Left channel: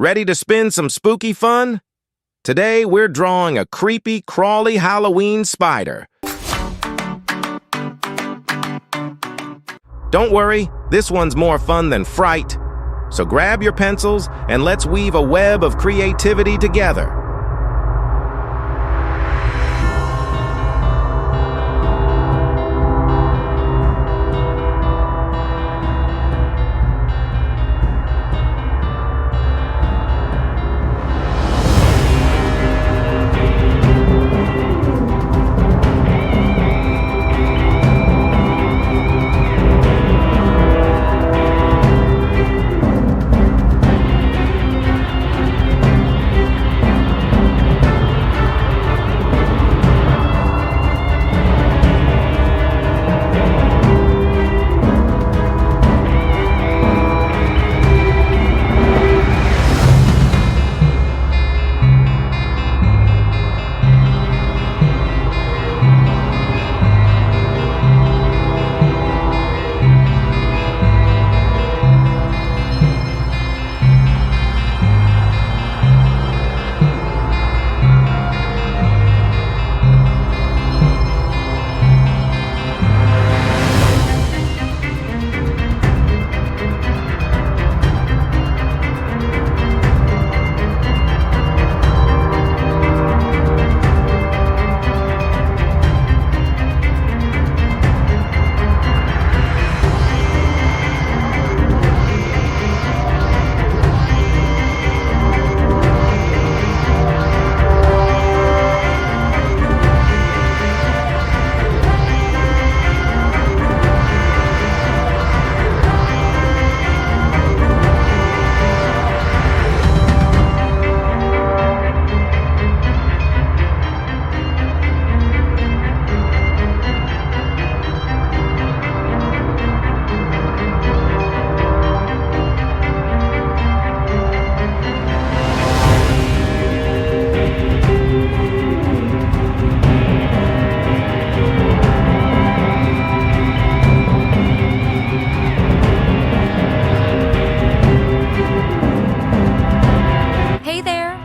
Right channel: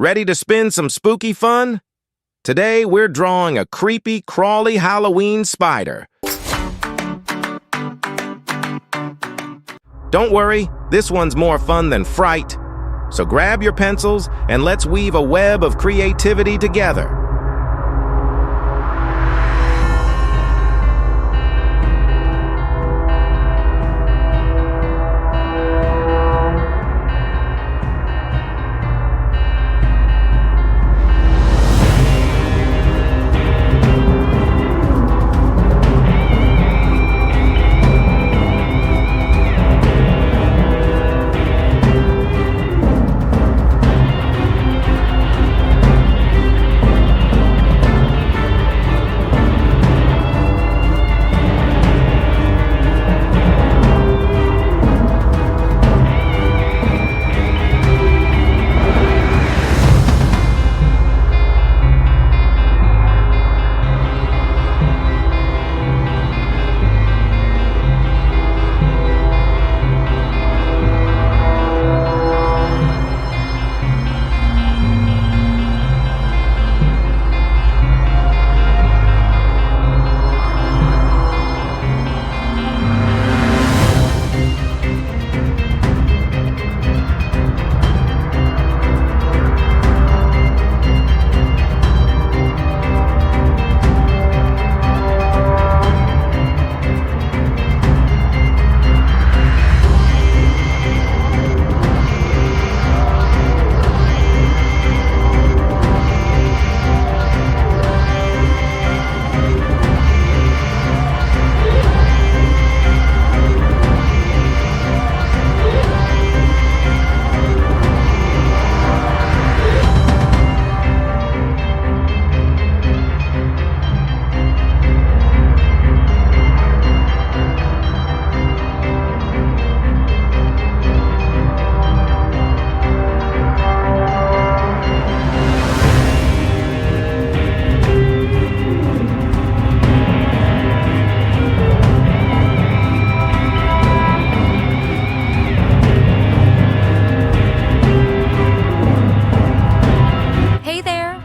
Ready to spin some spooky fun? Today we're drawing a creepy, crawly Halloween spider. Don't worry, this one's more fun than fright. So grab your pencils and let's weave a web of creativity together.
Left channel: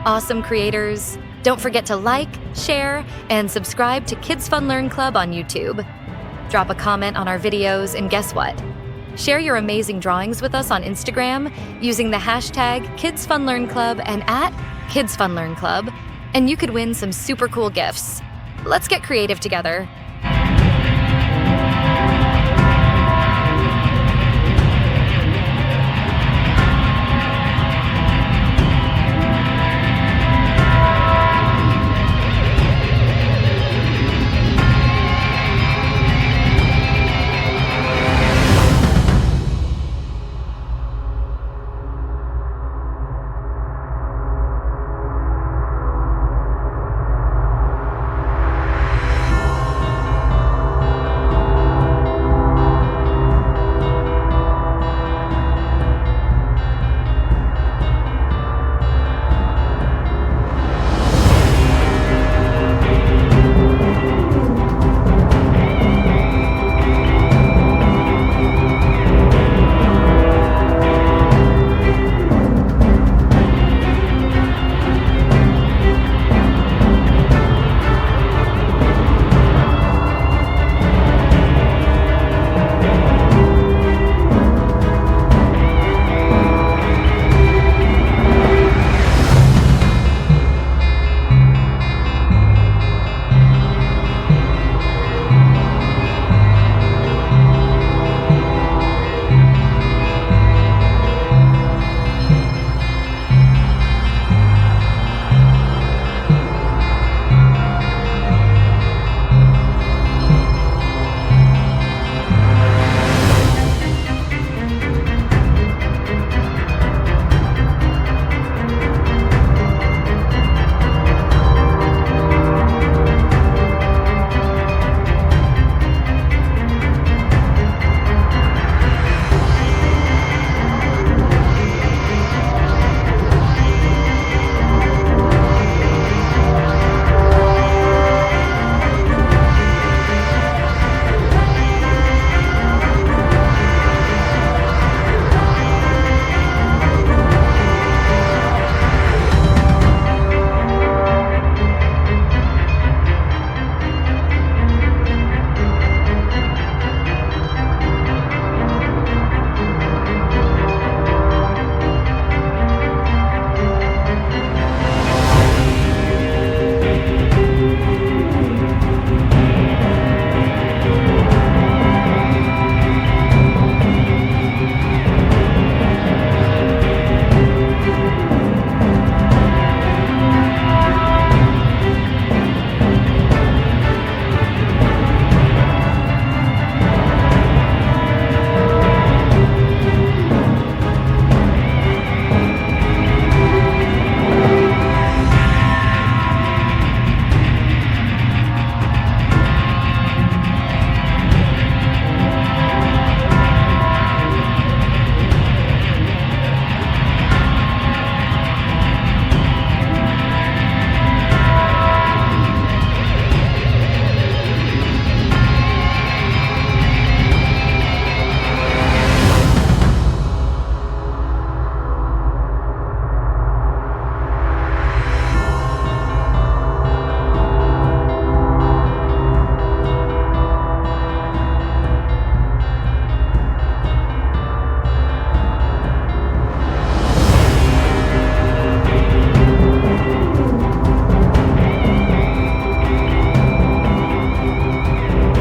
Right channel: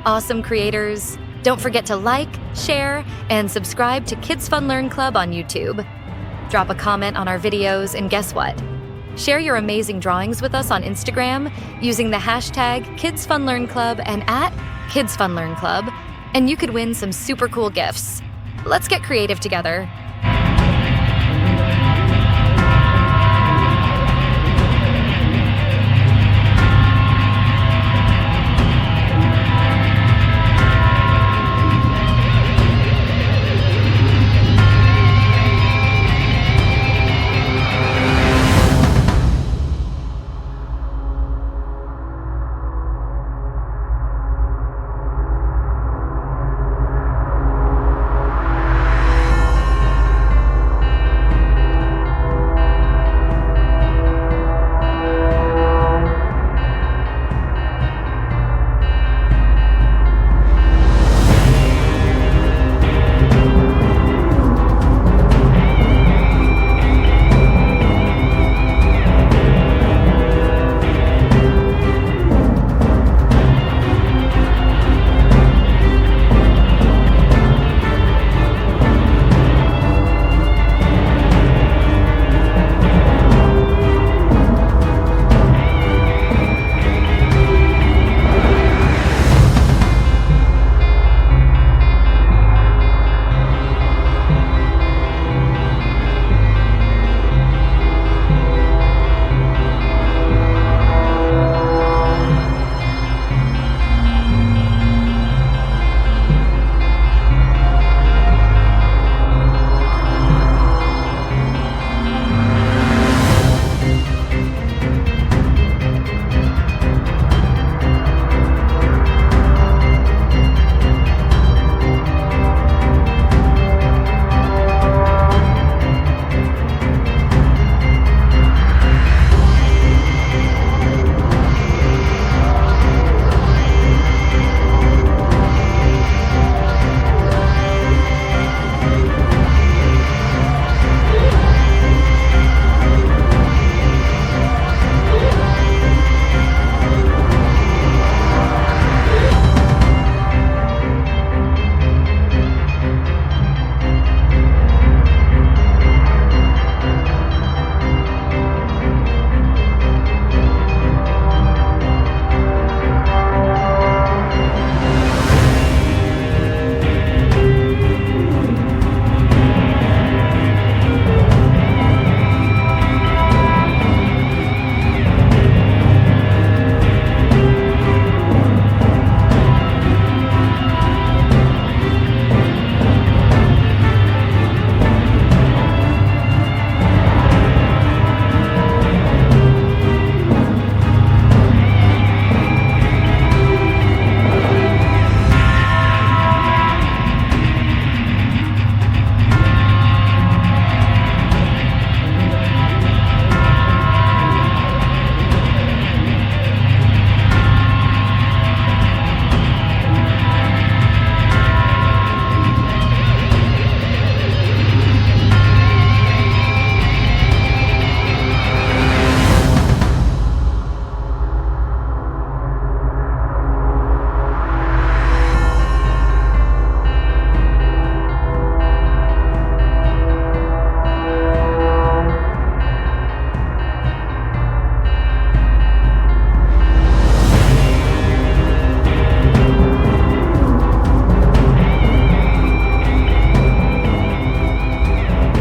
Awesome creators. Don't forget to like, share, and subscribe to Kids Fun Learn Club on YouTube. Drop a comment on our videos, and guess what? Share your amazing drawings with us on Instagram using the hashtag KidsFunLearnClub and @KidsFunLearnClub, and you could win some super cool gifts. Let's get creative together.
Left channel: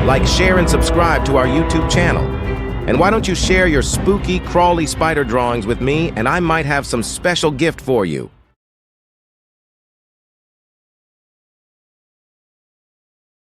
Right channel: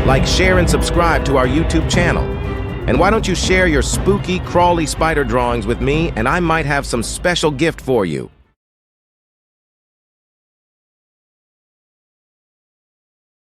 Like, share, and subscribe to our YouTube channel. And why don't you share your spooky, crawly spider drawings with me, and I might have some special gift for you.